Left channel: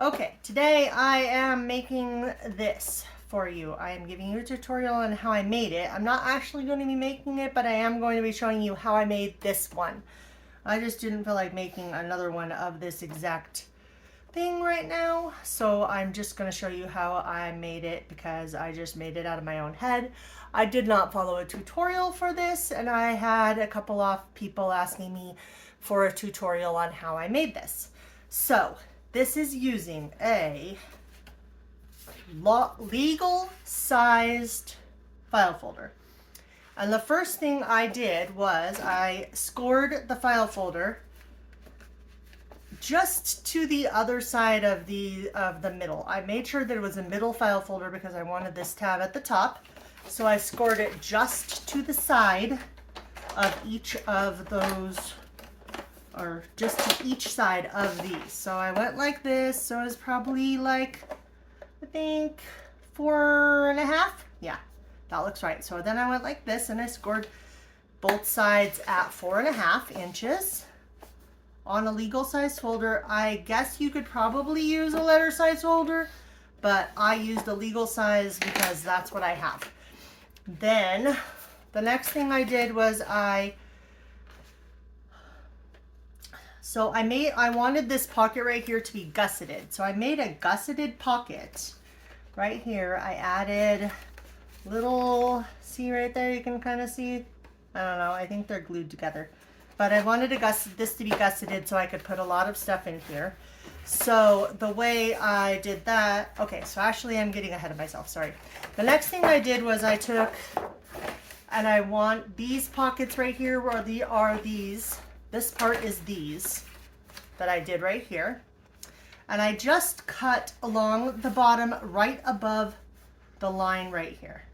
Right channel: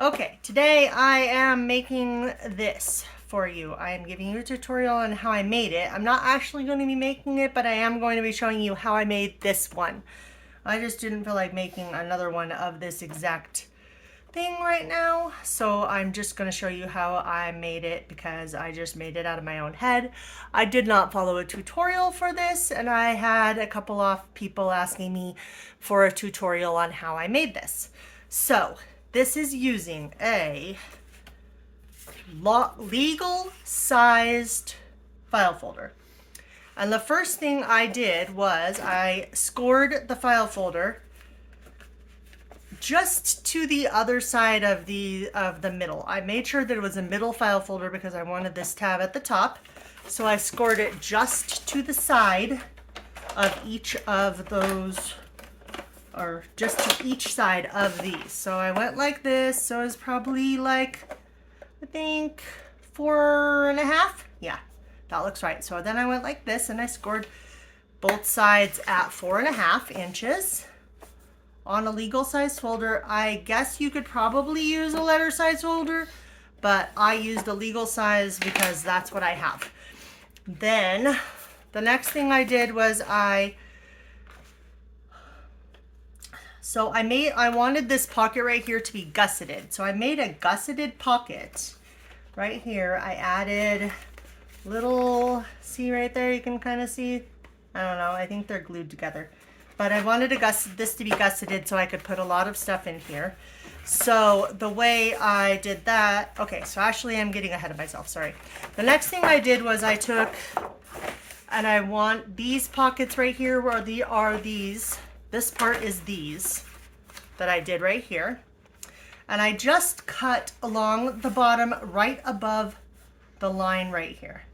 Okay, today I am making this for you. I am giving you a tutorial on how I made it. I'm not actually going to be making it, but I am going to be showing you how I made this one. I just didn't feel like making another one of this exact thing right now, so I'm just going to show you how I made it because I just made it out of my own head. I did not follow a tutorial for this, and I had a couple of people asking me for a tutorial on how I made this. So this is using a legal sized file folder. And the first thing I did was I scored the file folder just to the other side of the middle. I made sure that it was a middle file folder because I wanted this tab at the top. So I scored it just to the side of each of those, or just to each side of these. So I went like this. So it's probably like, I think 4.5. Yeah, that looks right. So then I went like this and I scored both sides at 4.5 inches on a legal size folder. I guess you could probably use a letter size folder, but I used a legal size because that's what I have. Then the next thing I did was I wanted this pocket right here to be gusseted. So I made a gusseted pocket right here. I added little, see right there, you can kind of see, I don't know, I think they're glued together. But I wanted this to be gusseted so I could put a lot of stuff in here. So the way I did that, okay, so actually I'm getting ahead of myself, sorry. The next thing I did was I took, and I want these pockets right here where this part is these that I did right here. And I just cut along the bottom right above the line right here.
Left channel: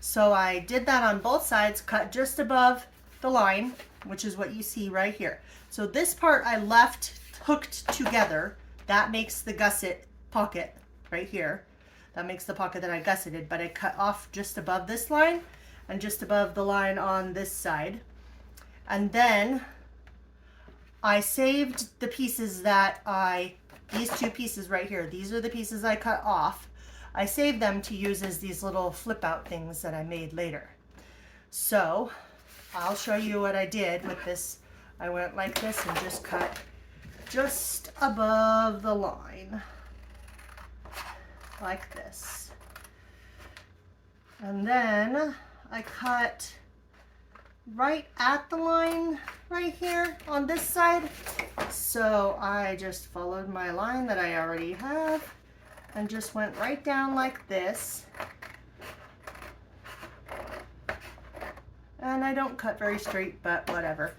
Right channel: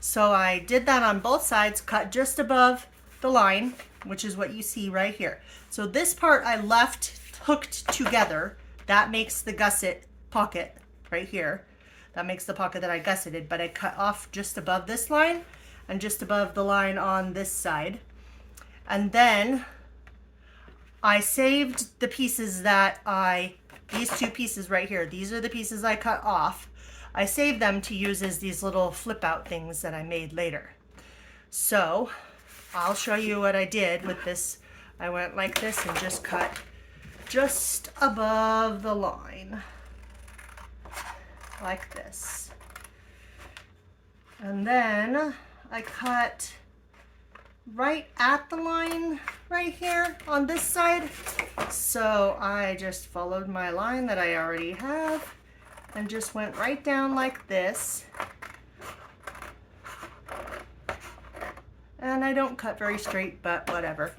So I did that on both sides, cut just above the line, which is what you see right here. So this part I left hooked together. That makes the gusset pocket right here. That makes the pocket that I gusseted, but I cut off just above this line and just above the line on this side. And then I saved the pieces these two pieces right here, these are the pieces I cut off. I saved them to use as these little flip out things that I made later. So I'll show you what I did with this. I went like this and just cut just above the line, like this. And then I cut right at the line right here on this side. So I just followed my line that I already have and just went right down like this. And I don't cut very straight, but whatever.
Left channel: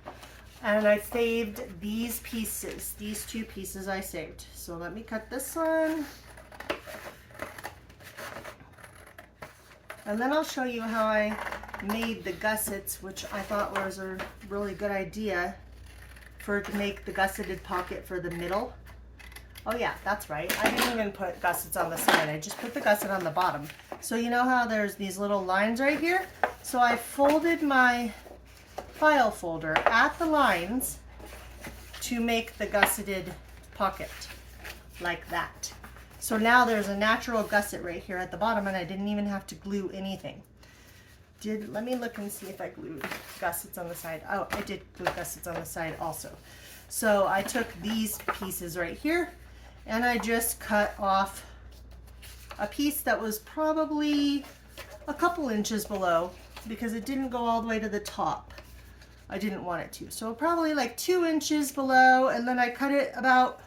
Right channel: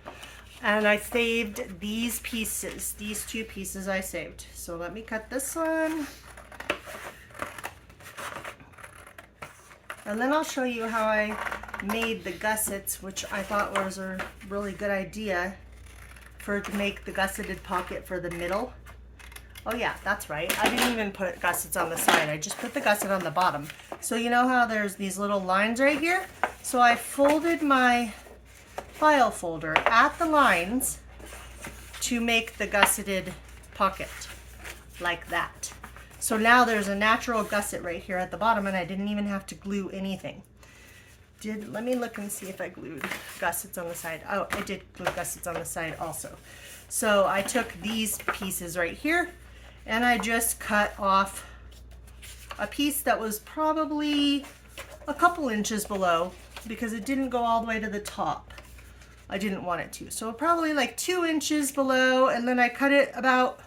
And I saved these pieces, these two pieces I saved. So let me cut this one. And then I'll show you how I made the gussets, which I thought was a really good idea to make the gusseted pocket for the middle. Oh yeah, that's right. I didn't even put gussets on the side. I just put the gusset on the bottom. So you know how there's these little lines right here? So I folded my file folder at the lines to make the gusseted pocket like that. So now there's a natural gusset right here at the bottom and I didn't even have to glue anything. Let me look and see if I glued gussets on the side. Oh, I did glue gussets on the side also. So I took these pieces right here and I just cut off a piece that was probably a couple inches below because it didn't go all the way to the top. I didn't want it to. So probably like 2 inches below, and then I cut it about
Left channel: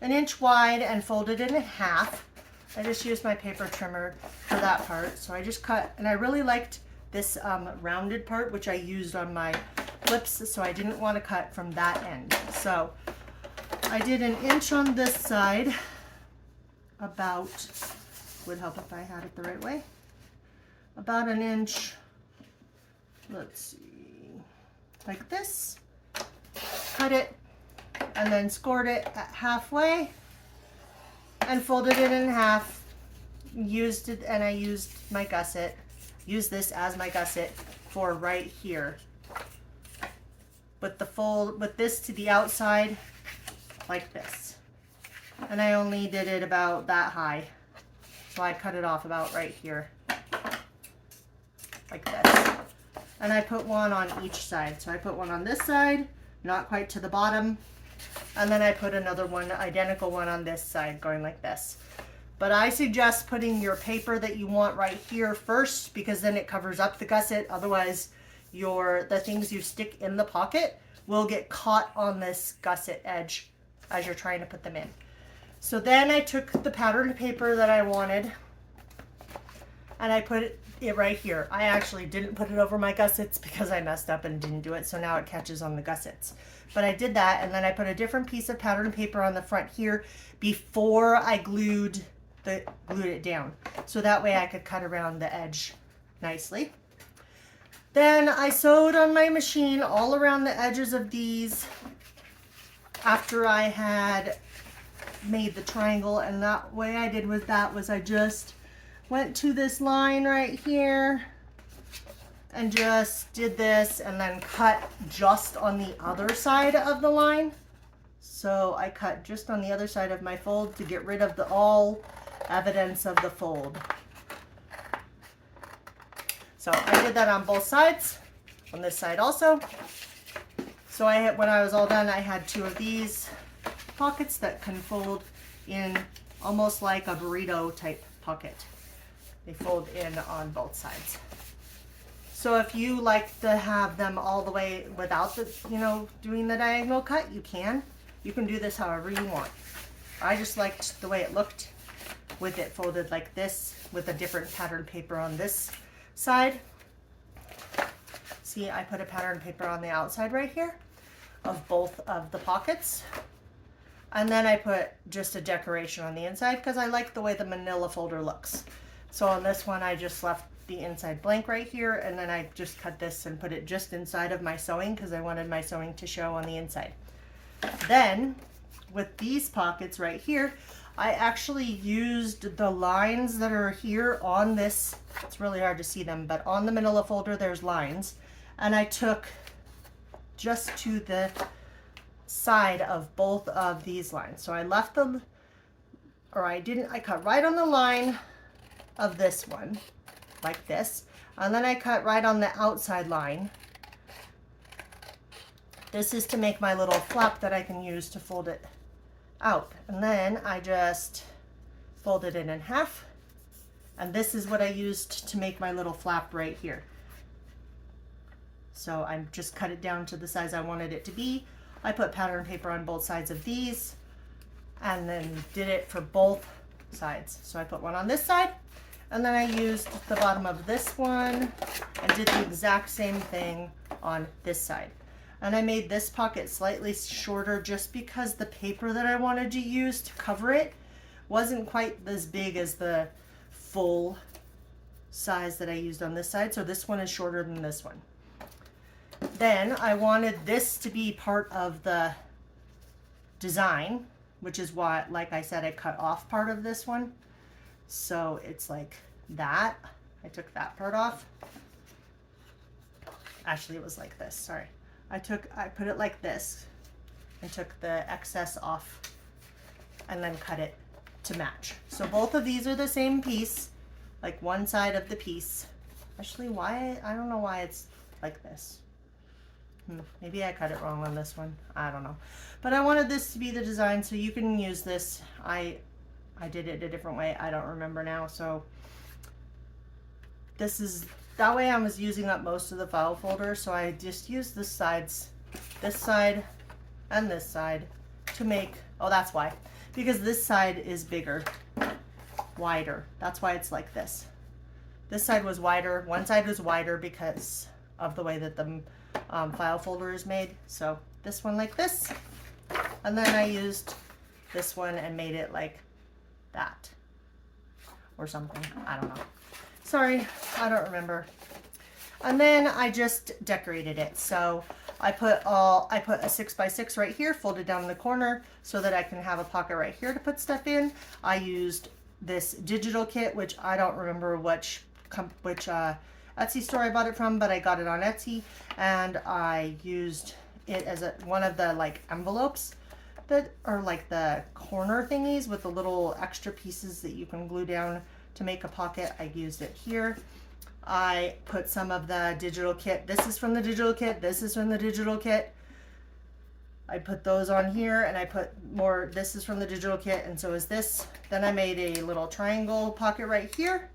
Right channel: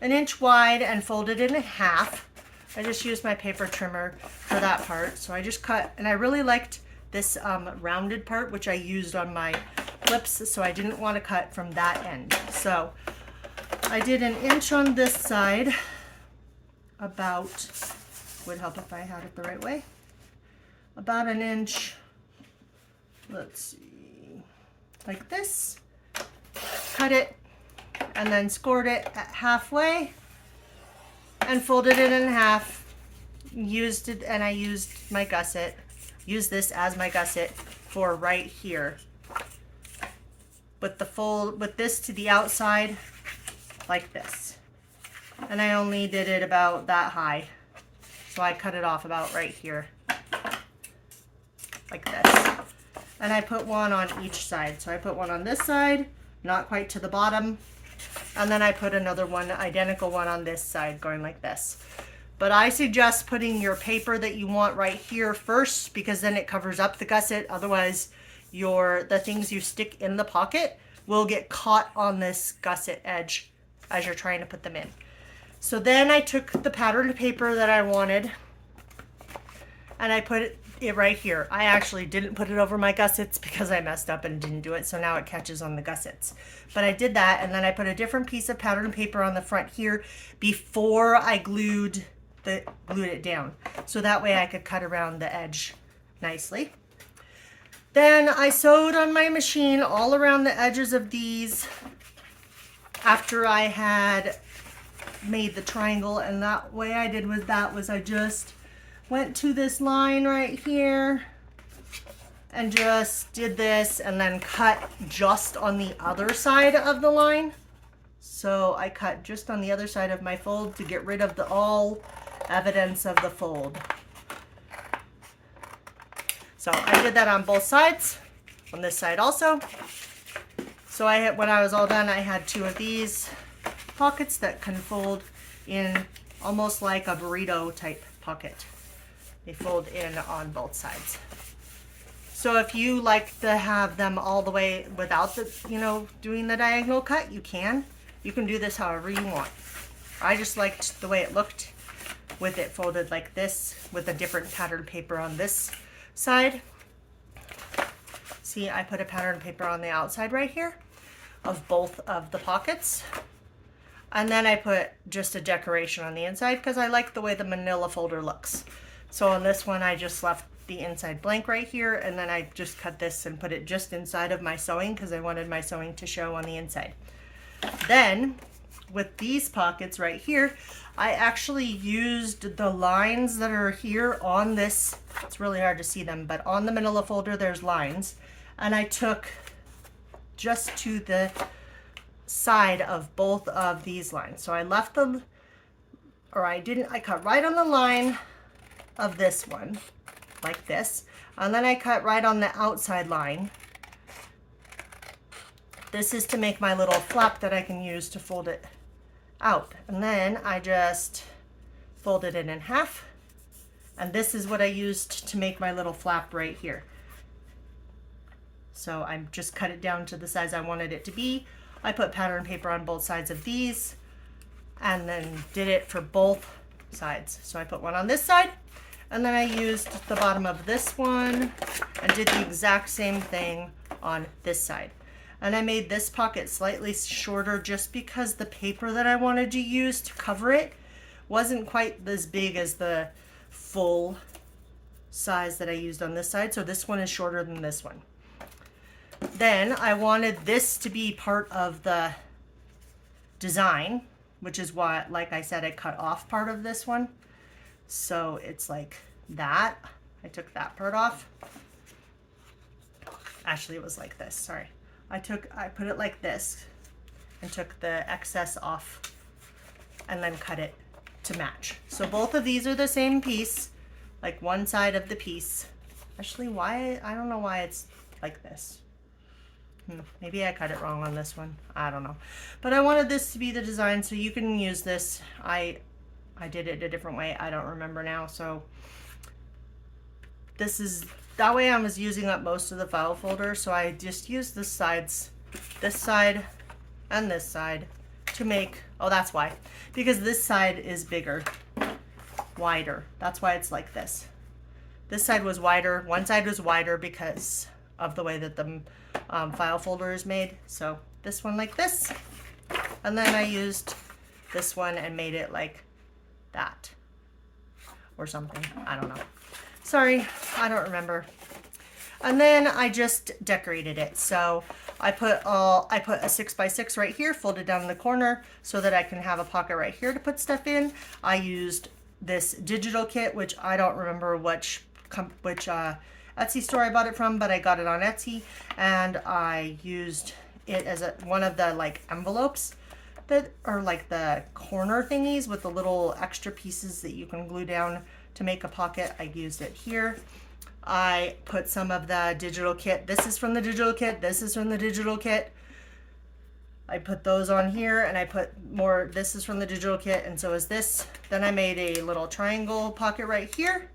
1 inch wide and folded it in half. I just used my paper trimmer for that part. So I just cut, and I really liked this rounded part, which I used on my clips, so I didn't want to cut from that end. So I did 1 inch on this side, about, would help if I had it the right way, about 1 inch, let's see, like this, cut it, and then scored it at halfway, and folded it in half, used it, and I used my gusset, used this as my gusset for right here, with this to the outside, like this. and I only did it about that high. So I cut it off about right here, like this. And I put one on each side. So I put one on this side, not quite to the bottom. And then I put another one, identical one on this side, going like this. But I suggest putting your paper that you want right here first, because then it covers up the gusset. Otherwise, the things you stick in the pocket will get caught on this gusset edge as you're trying to put them in. So then I took the patterned paper that I wanted and I put it right here. I actually didn't put it over my gussets because I messed up and didn't do it, so now it catches on the gussets. But I did that, and then I put a different piece of patterned paper on the front here before I glued it down, so that way I could cut around the edge nicely. Then I sewed on my machine all around the edges of these after I had made the triangle, and that way I did with that was I just went to this line right here and just did this and then cut just on the other side of the line. So I cut just on the other side of my fold to get rid of all evidence of the fold. So I did that on both sides, on this side also. So when I was all done, I had two of these pockets that can fold in almost like a burrito type pocket. They fold in on both sides. So if you like to have them all the way without the, doing the diagonal cut, you can. You can do this however you want. I just liked the way it looked with it folded like this with a different pattern paper on this side. See, I put a pattern paper on the outside right here of both of the pockets. And then I put just a decoration on the inside because I like the way the manila folder looks. So on this one, I just left the inside blank right here, and then I just cut this and put it just inside of my sewing because I wanted my sewing to show on the inside. Then with these pockets right here, I actually used the lines that are here on this. It's really hard to see them, but on the manila folder, there's lines. And I took just to the side of both of these lines. So I left them, or I didn't, I cut right on the line of this one, like this. And then I cut right on the outside line. This is to make my little flap that I can use to fold it out. And then I just folded it in half. And this is what I used to make my little flap right here. So I just cut it down to the size I wanted it to be. I put pattern paper on both sides of these and then did it for both sides. So I put one on this side, and then I used the bottom of this one and did the exact same thing on this side. And I made this pocket slightly shorter just because the paper that I wanted to use to cover it wasn't quite as big as the full size that I used on this side. So this one is shorter than this one. Then I wanted this to be part of the design, which is why, like I said, I cut off part of this one. So it's like that. I took that part off. Actually, it was like this, sorry. I put it like this and took the excess off and then cut it to match. So both of these are the same piece, like one side of the piece. Actually, I don't know why it's like this. Maybe I cut it wrong on this one. I don't know. But I wanted this to be the design, so you can use this. I did it a different way. I don't remember now. So that way I was using up most of the file folder. So I just used this side and this side to make, oh, that's why. Because this side is bigger, wider. That's why it's like this. This side was wider. One side was wider because of the way that the file folder is made. So this one like this, and then I used this one and made it like that or something. I don't know. Sorry, I don't remember. And then I just decorated it. So I put a 6x6 right here, folded down in the corner so that I can have a pocket right here to put stuff in. I used this digital kit, which I don't remember which Etsy store I bought it from, but I got it on Etsy, and I used it as one of the like envelopes that are like the corner thingies with the little extra pieces that you can glue down to make a pocket. I used it here. I put some of the digital kit. This is from the digital kit. This is from the digital kit. I put those on here, and I put more. This is from the digital kit, and so is this. Then I made a little triangle pocket right here.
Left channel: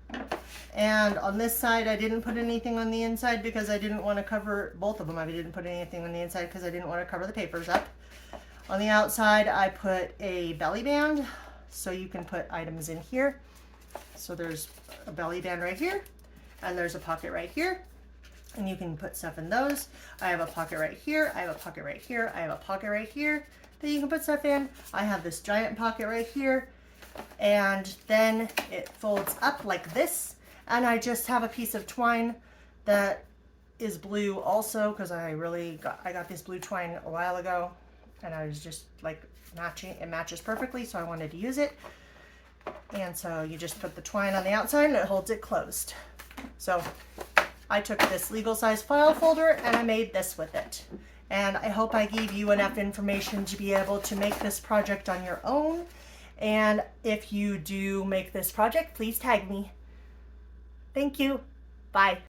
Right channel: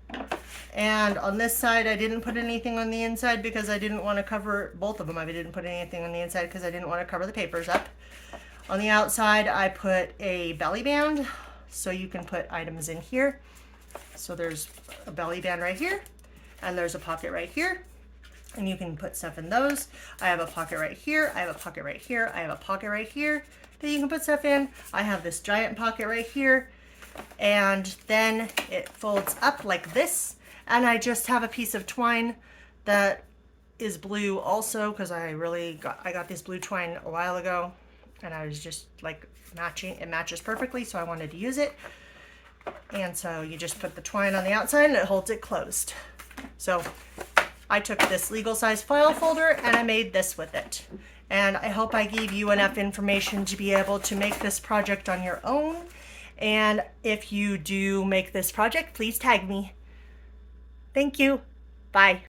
And on this side, I didn't put anything on the inside because I didn't want to cover both of them. I didn't put anything on the inside because I didn't want to cover the papers up. On the outside, I put a belly band, so you can put items in here. So there's a belly band right here, and there's a pocket right here, and you can put stuff in those. I have a pocket right here, I have a pocket right here, I have a pocket right here that you can put stuff in. I have this giant pocket right here, and then it folds up like this, and I just have a piece of twine that is blue also, because I got this blue twine a while ago, and I was just like matching. It matches perfectly, so I wanted to use it. And so you just put the twine on the outside and it holds it closed. So I took this legal size file folder and I made this with it. And I hope I gave you enough information to be able to make this project on your own. And if you do make this project, please tag me. Thank you. Bye.